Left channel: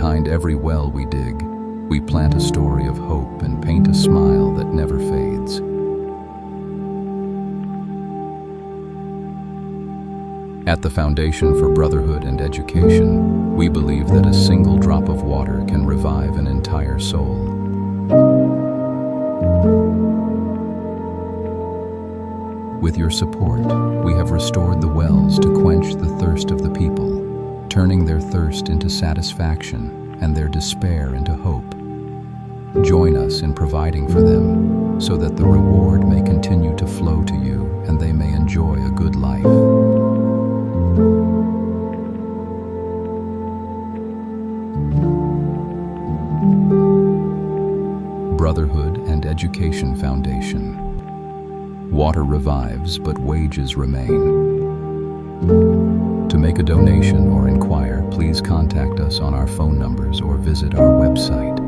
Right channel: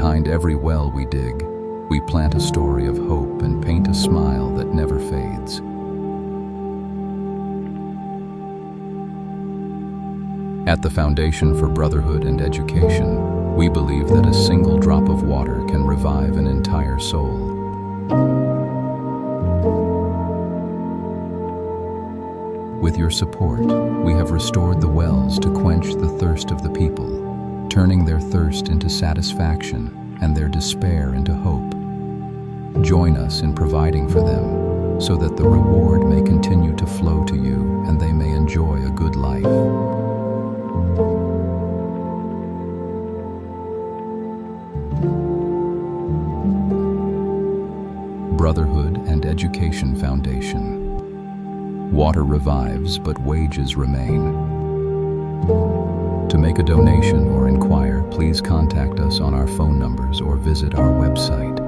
Behind every well we dig, we plant a story of hope and paint a smile that never fades. At the Foundation for Brotherhood and Education, we believe that a single drop of water can revive an entire soul. With your support, we have restored the wells to quench the thirst of the people, turning their thirst into satisfaction and their despair into hope. Join us in providing for them so that the reward may continue to flow to you and they may enjoy a good life. Brotherhood and Education Foundation. Water revives, but wages remain. To make a donation or inquire, please contact us on our phone numbers or visit our website.